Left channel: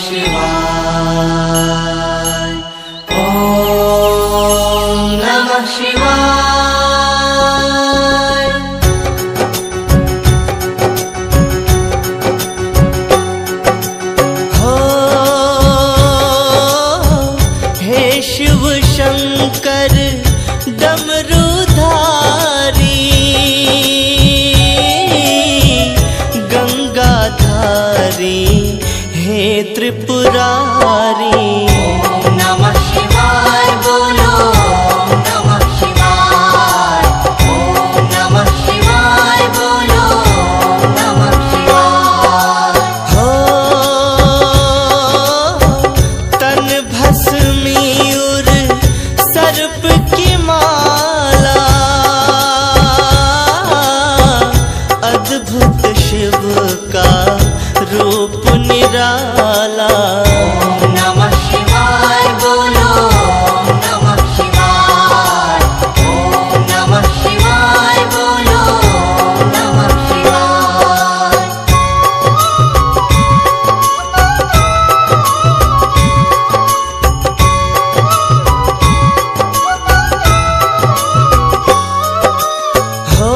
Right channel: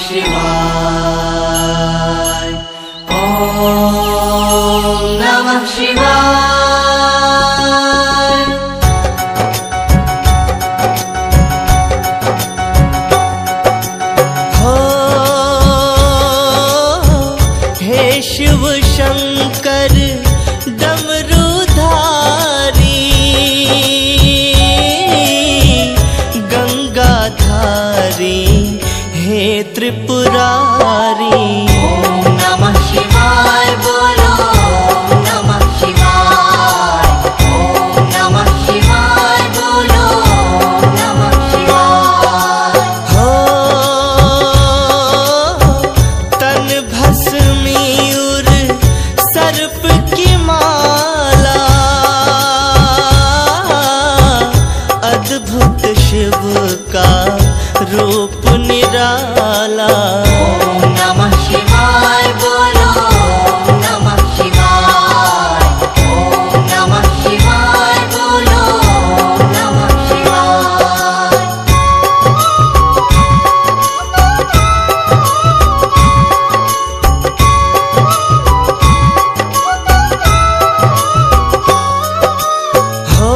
शिवाय ओम नमः शिवाय। हो हे शिव शंकर डमरूधारी, गंगाधारी हे त्रिपुरारी। ओम नमः शिवाय बोलो नमः शिवाय। ओम नमः शिवाय बोलो नमः शिवाय। हो तन भस्मीउर सर्प की माला, अद्भुत शिव का रूप निराला। ओम नमः शिवाय बोलो नमः शिवाय। ओम नमः शिवाय बोलो नमः शिवाय। हो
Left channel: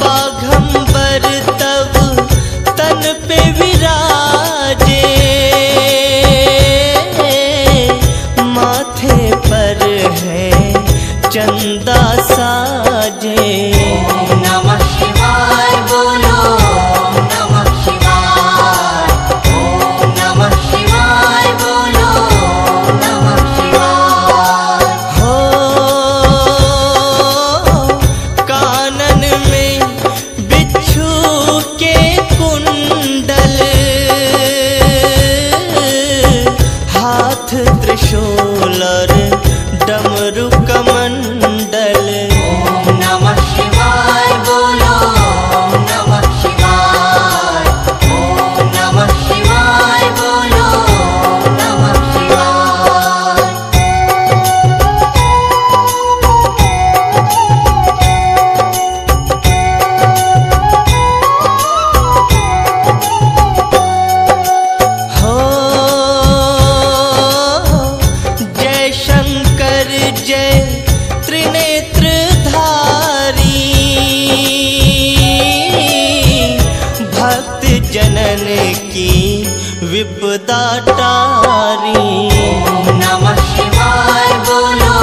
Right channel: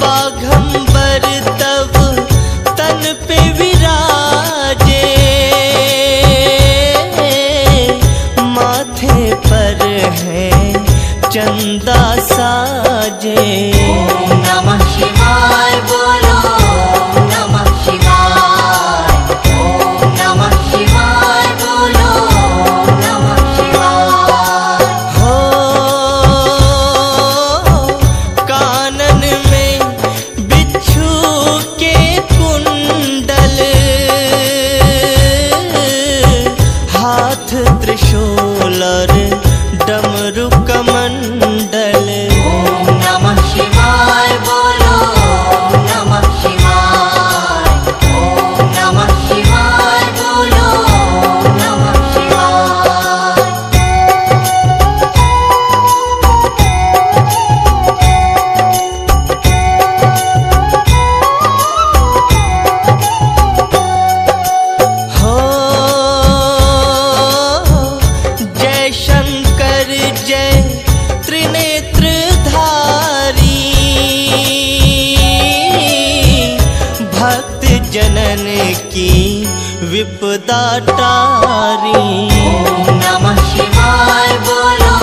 बाघंबर तब तन पे विराजे, माथे पर है चंदा साजे। ओम नमः शिवाय बोलो नमः शिवाय। ओम नमः शिवाय बोलो नमः शिवाय। हो कानन में बिच्छू के कुंडल, हाथ त्रिशूल और डमरू कमंडल। ओम नमः शिवाय बोलो नमः शिवाय। ओम नमः शिवाय बोलो नमः शिवाय। हो जय शंकर जय त्रिनेत्रधारी, भक्त जनन की विपदा टारी। ओम नमः शिवाय बोलो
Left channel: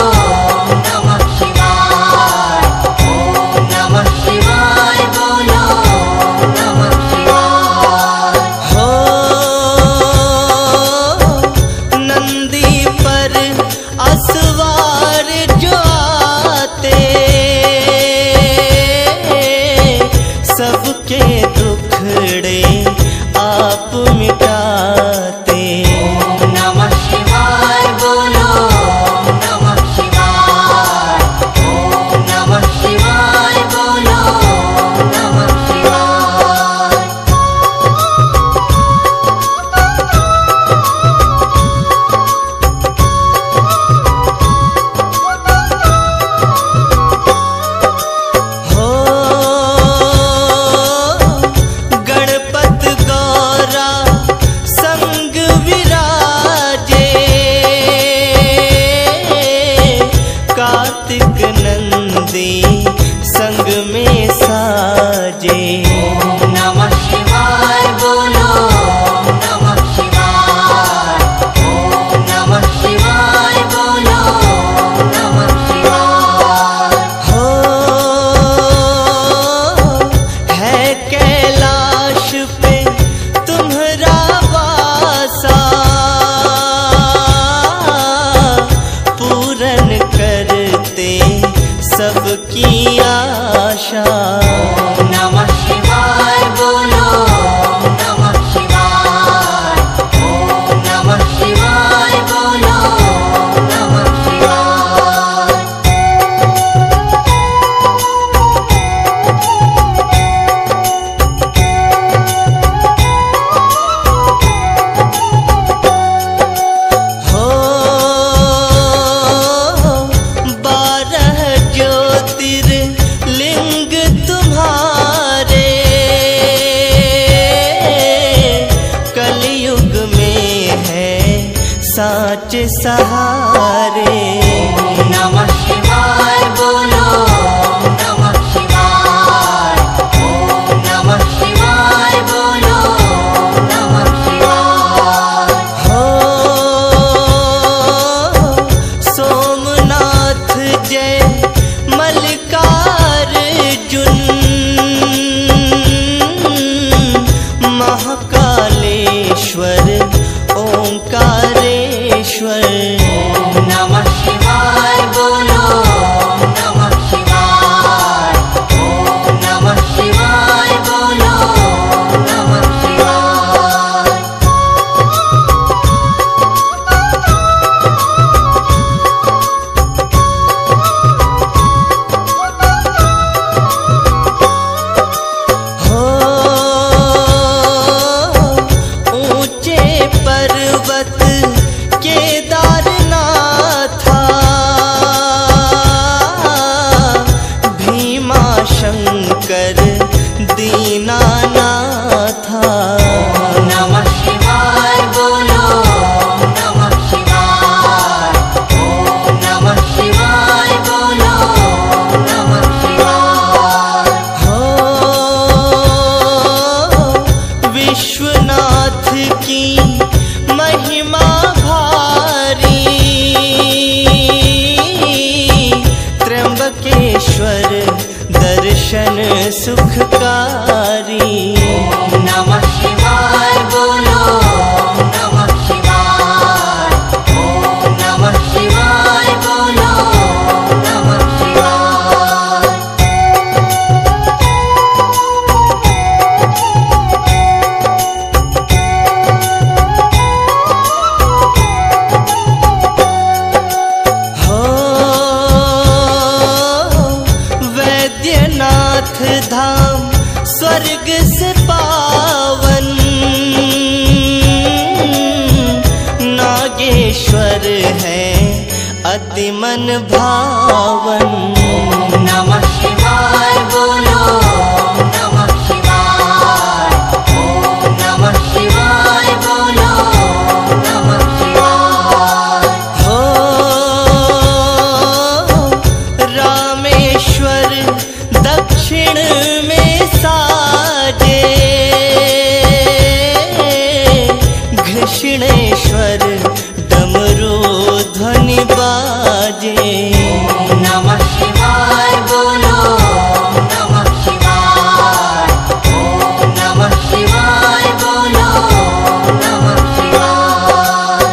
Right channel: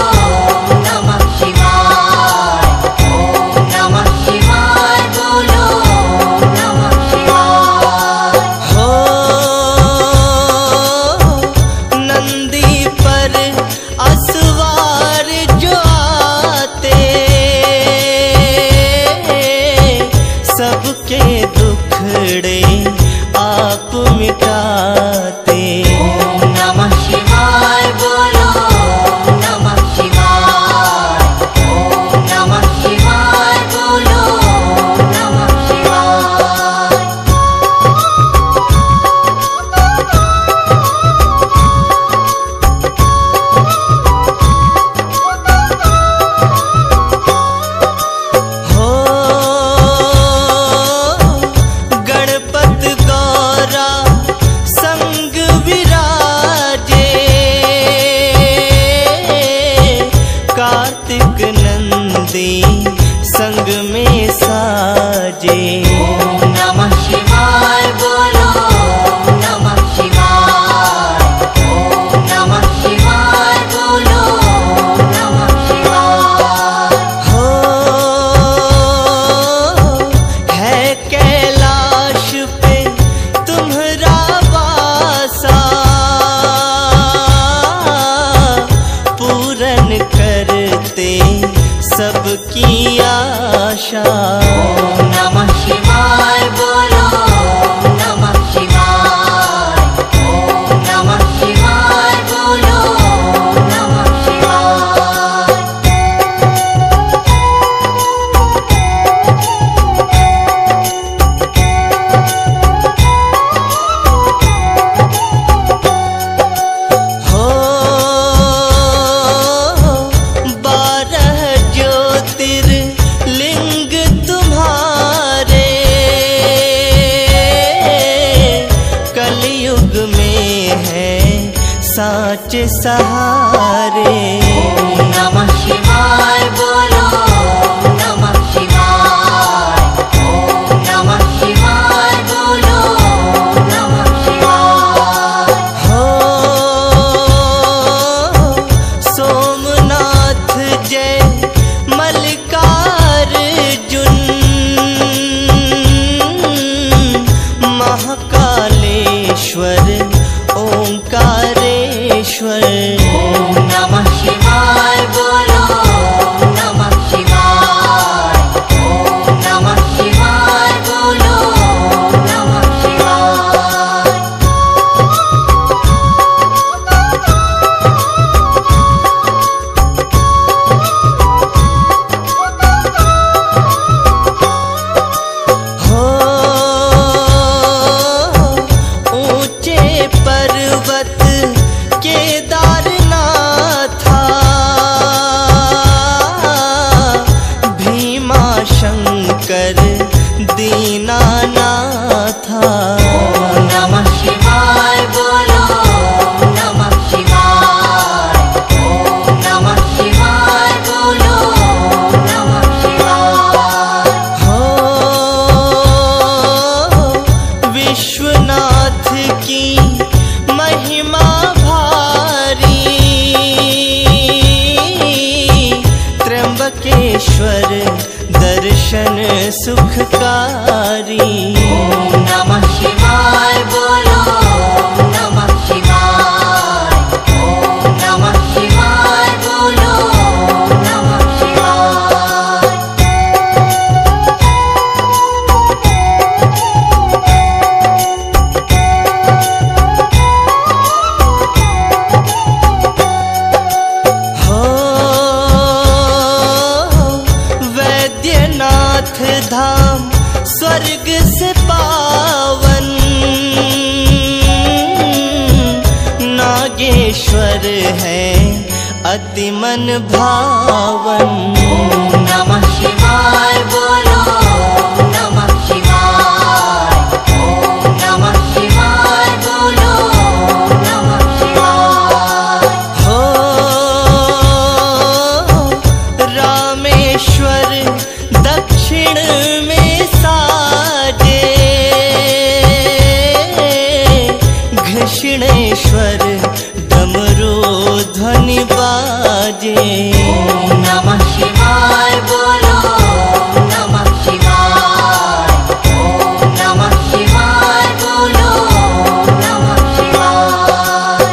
नमः शिवाय। ओम नमः शिवाय बोलो नमः शिवाय। हो नंदी पर असवार जो आते, सबके दुखड़े आप मिटाते। ओम नमः शिवाय बोलो नमः शिवाय। ओम नमः शिवाय बोलो नमः शिवाय। हो गणपत गौरा संग विराजे, कार्तिक नंदी संग में साजे। ओम नमः शिवाय बोलो नमः शिवाय। ओम नमः शिवाय बोलो नमः शिवाय। हो है कैलाश पे तुम्हारा वासा, पूरन करते सबकी आशा। ओम नमः शिवाय बोलो नमः शिवाय। ओम नमः शिवाय बोलो नमः शिवाय। हो सहारे। नमः शिवाय बोलो नमः शिवाय, ओम नमः शिवाय बोलो नमः शिवाय। हो सोमनाथ जय मल्लिकार्जुन, महाकालेश्वर ओंकारेश्वर। ओम नमः शिवाय बोलो नमः शिवाय, ओम नमः शिवाय बोलो नमः शिवाय। हो ऊंचे पर्वत केदारनाथा, भीमा शंकर दीनानाथा। नमः शिवाय बोलो नमः शिवाय, ओम नमः शिवाय बोलो नमः शिवाय। हो विश्वनाथ की महिमा भारी, त्र्यंबकेश्वर दर्शन सुखकारी। नमः शिवाय बोलो नमः शिवाय, ओम नमः शिवाय बोलो नमः शिवाय। हो वैद्यनाथ धाम स्वर्ग से पावन, नागेश्वर है अति मन भावन। नमः शिवाय बोलो नमः शिवाय, ओम नमः शिवाय बोलो नमः शिवाय। हो रामेश्वर दक्षिण में साजे, घृष्णेश्वर डमरू ध्वनि बाजे। नमः शिवाय बोलो नमः शिवाय, ओम नमः शिवाय बोलो नमः शिवाय।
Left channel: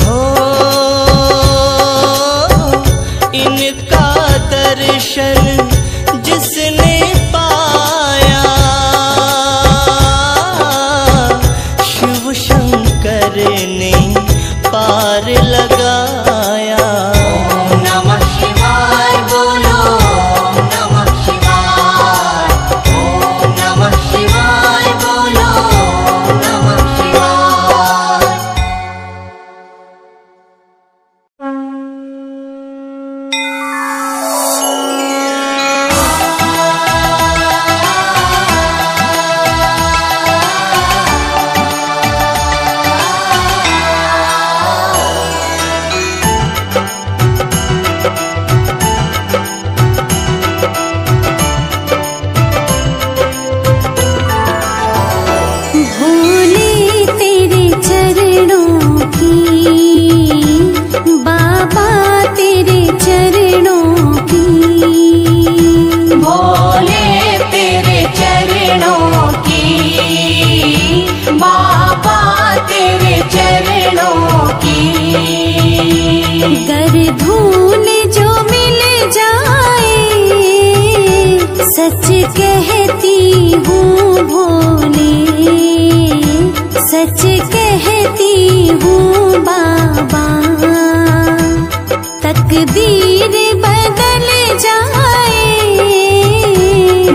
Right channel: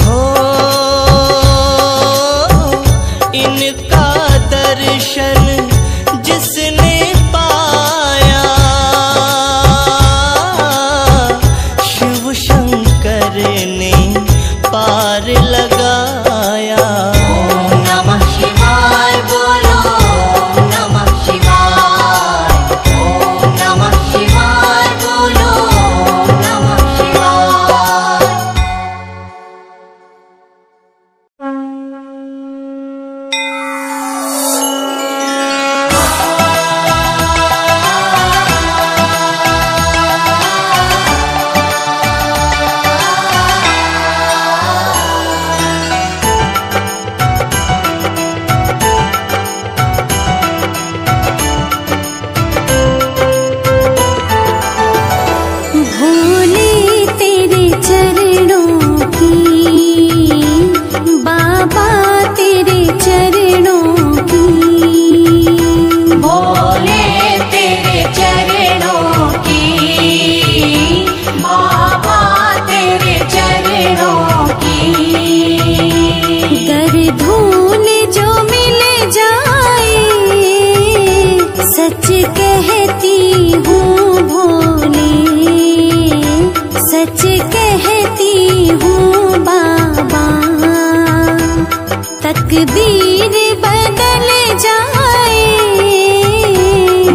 हो इनका दर्शन जिसने पाया, शिव शंकर ने पार लगाया। नमः शिवाय बोलो नमः शिवाय, ओम नमः शिवाय बोलो नमः शिवाय। भोले तेरे चरणों की, बाबा तेरे चरणों की। भोले तेरे चरणों की, बाबा तेरे चरणों की। गर धूल जो मिल जाए, सच कहती हूँ भोले, सच कहती हूँ बाबा। तकदीर बदल जाए,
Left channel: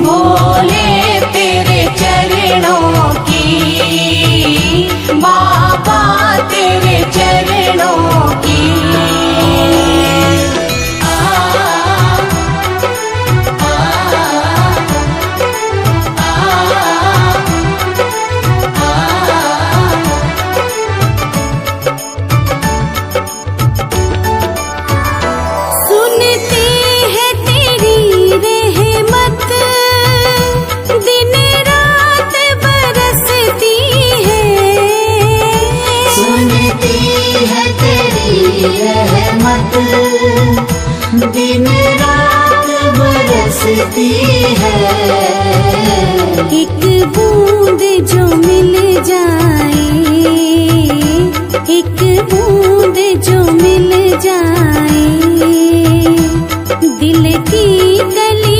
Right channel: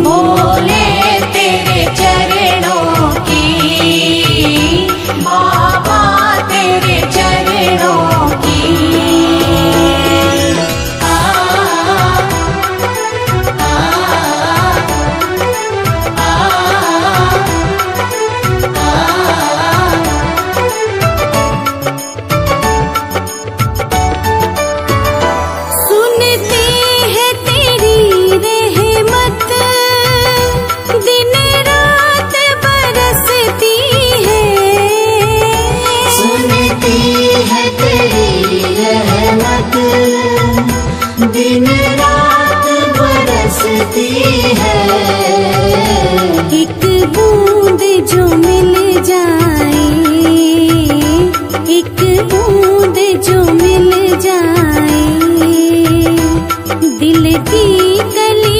भोले तेरे चरणों की, बाबा तेरे चरणों की। बरसती है। एक बूंद जो मिल जाए, एक बूंद जो मिल जाए, दिल की कली